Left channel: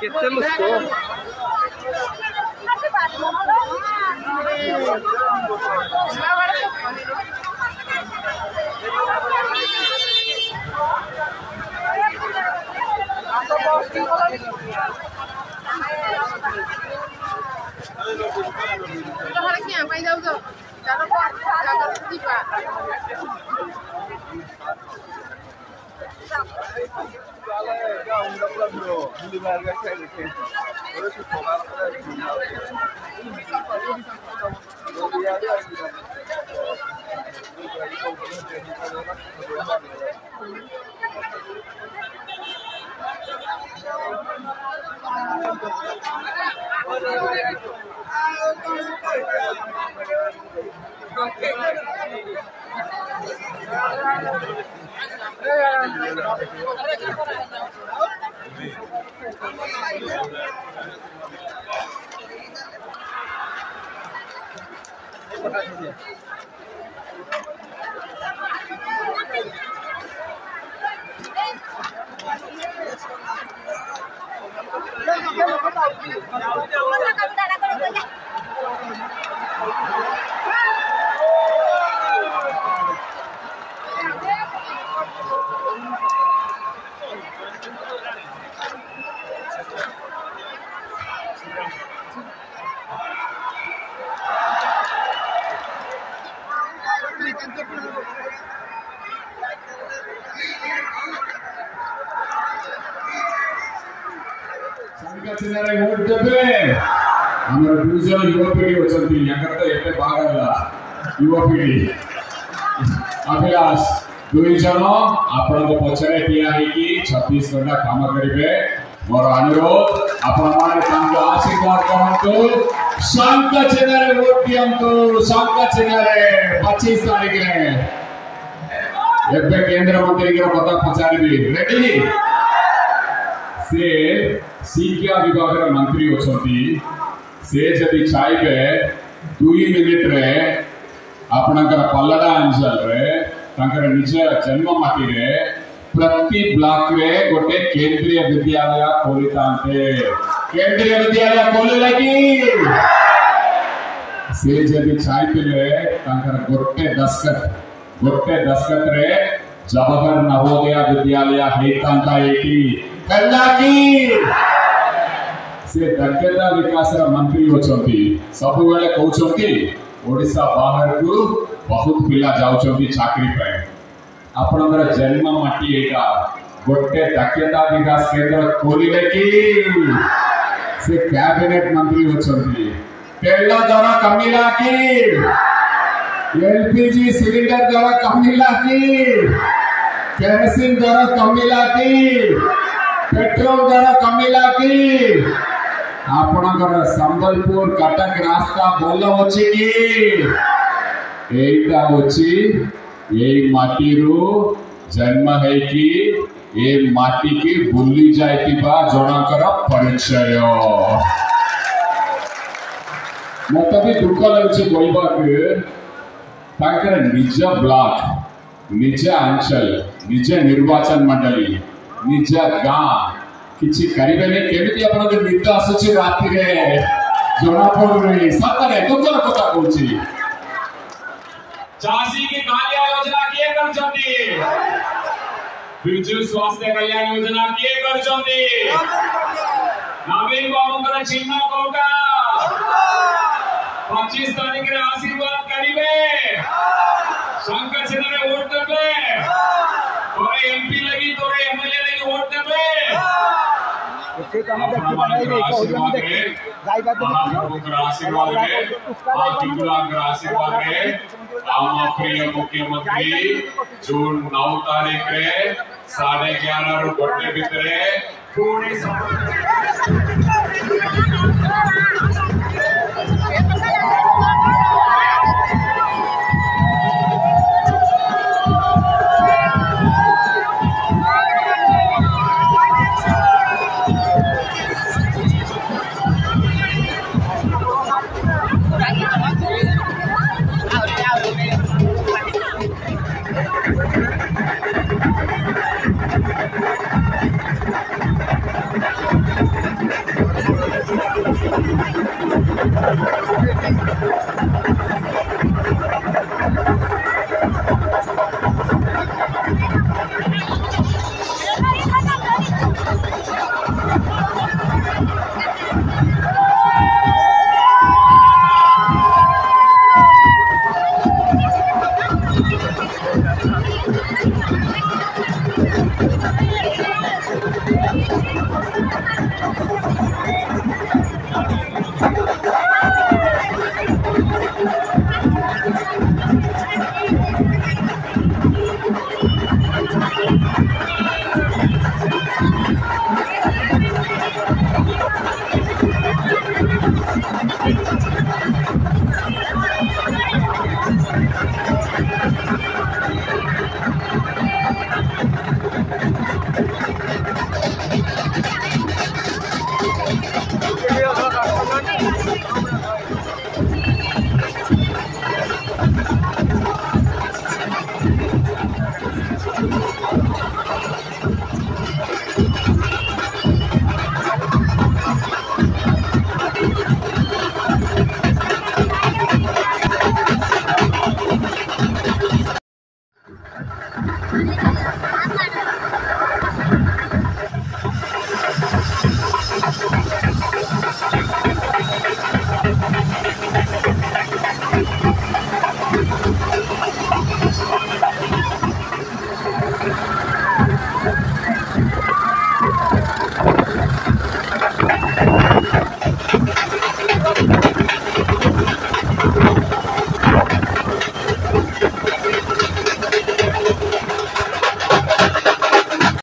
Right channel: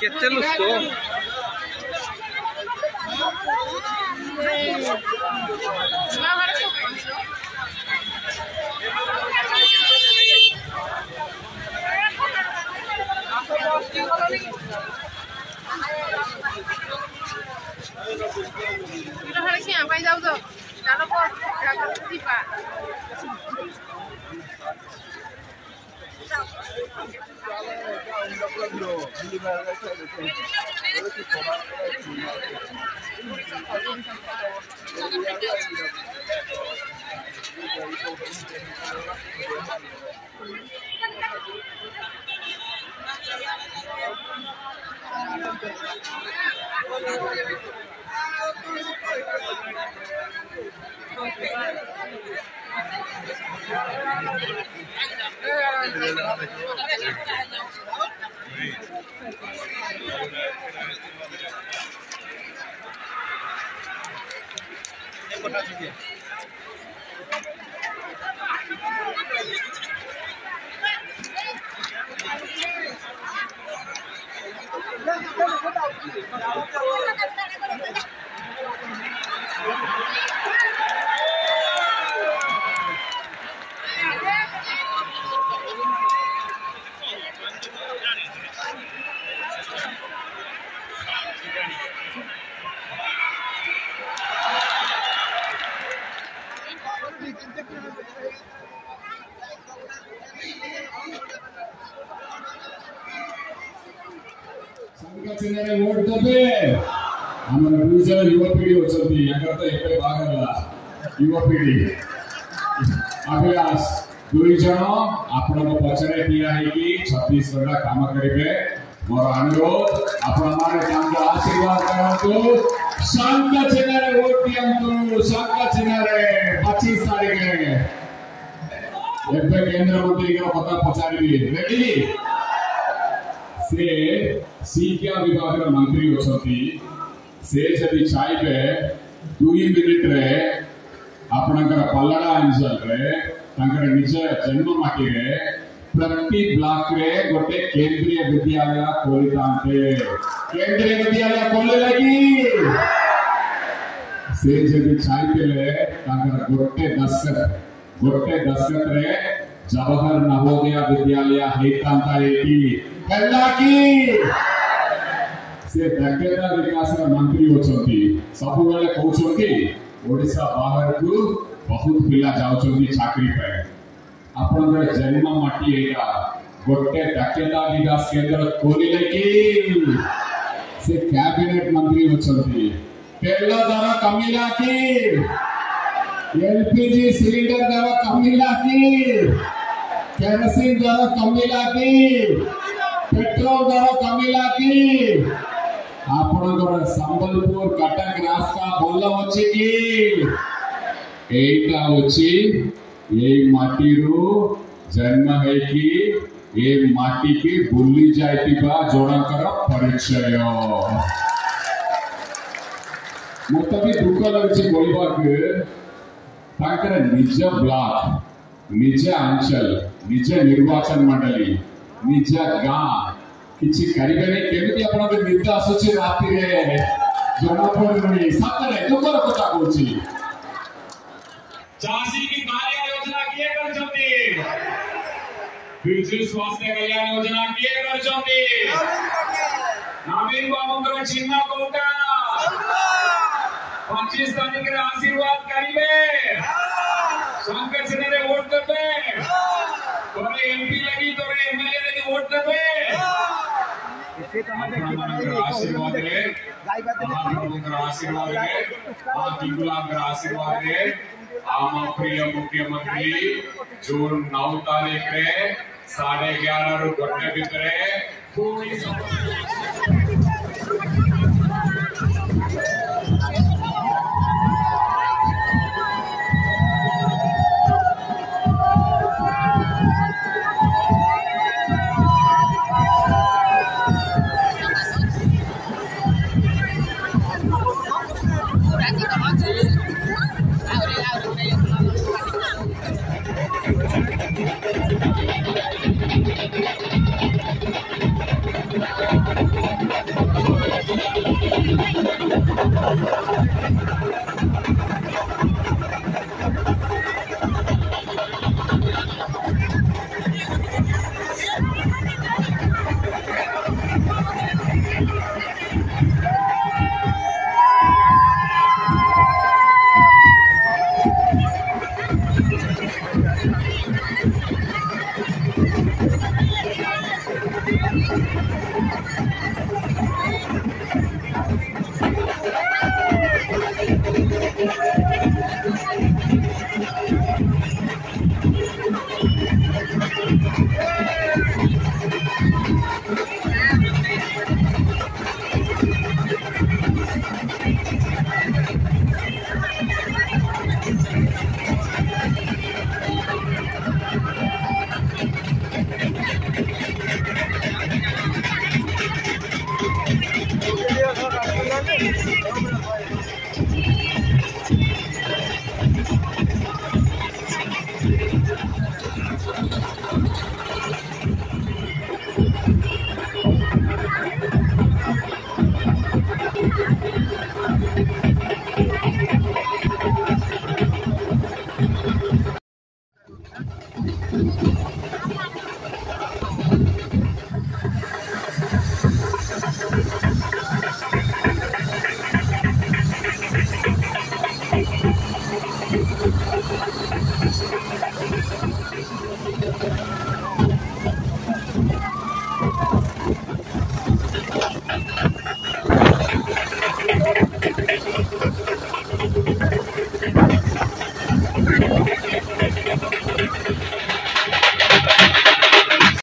Kita lusto. संघचनारे vote देबे हमर दूसरा युवा पीढ़ी होचंती याकर तो एते बागला युवा पीढ़ी अभिलाष दुई जन आपण को पछरे ठिया है कि 26 घंटा काम करिवे मोर अनुरोध आपण माने तांके आशीर्वाद करंतु संघचनारे वोट दियंतु संघचनारे 25 तारीख रे एबे केंद्र मंत्री के कथा पचारिबी रेडी से शिक्षा विभाग मंत्री होचंती से जदि चाहे 2 मिनिट रे आपनकर पल्लड़ा अंचल रे तांकर निज जन्म माटी रे प्रति ब्लॉक रे गोटे केंद्रीय विद्यालय खोलितांते केंद्रीय विद्यालय खोले लगी से जदि चाहे तांकर गोटे दशकत रे जवाहर नवोदय विद्यालय हेतांता एटी कल्ला की से दक्षता विकास मंत्री होचंती सब बेले कहउचंती ओडिसा बाहर को बहुत पिला जाउचंती चाकरी पे आपनकर जन्म माटी एटा गोटे दक्षता विकास केंद्र खोलिले की से कैबिनेट मंत्री होचंती तेल दर कमिला की एलपीजी सिलेंडर दर कमिला की केरोसिन दर कमिला की पेट्रोल दर कमिला की आपनकर संबलपुर कटक रास्ता बोल होची की एटा होची एई माटी रो जन्म है कि ए माटी की बुल्ली जायतिबा जणकर परिचय मत भी दुख लगुची कहबा के ताकर निज ब्लॉक निज अंचल निज निर्वाचन मंडली निज गाँ किछि करिबेने केमिति आपन के निद आसुची राति रे जणा पडुनी सतरे दुखर कथा कहूची झांसी की कालिया योजना किए करछंती बिजु स्वास्थ्य कल्याण योजना किए करछंती नवीन बाबूंकर चिन्ह कोटा 25 तारीख रे आशीर्वाद करिवे संघ चिन्ह रे वोट देबे तोरे एमपी लगी तोरे एमएलए लगी वोट देबे से तो हम देखि बनाई रे को ओरिया में देखि जाई बात महाप्रभुकर आशीर्वाद रे आतिकुलांकर आशीर्वाद रे आम प्रिय मुख्यमंत्री जून 9 तारीख रे 11:30 रु गोटे भितरे पुणी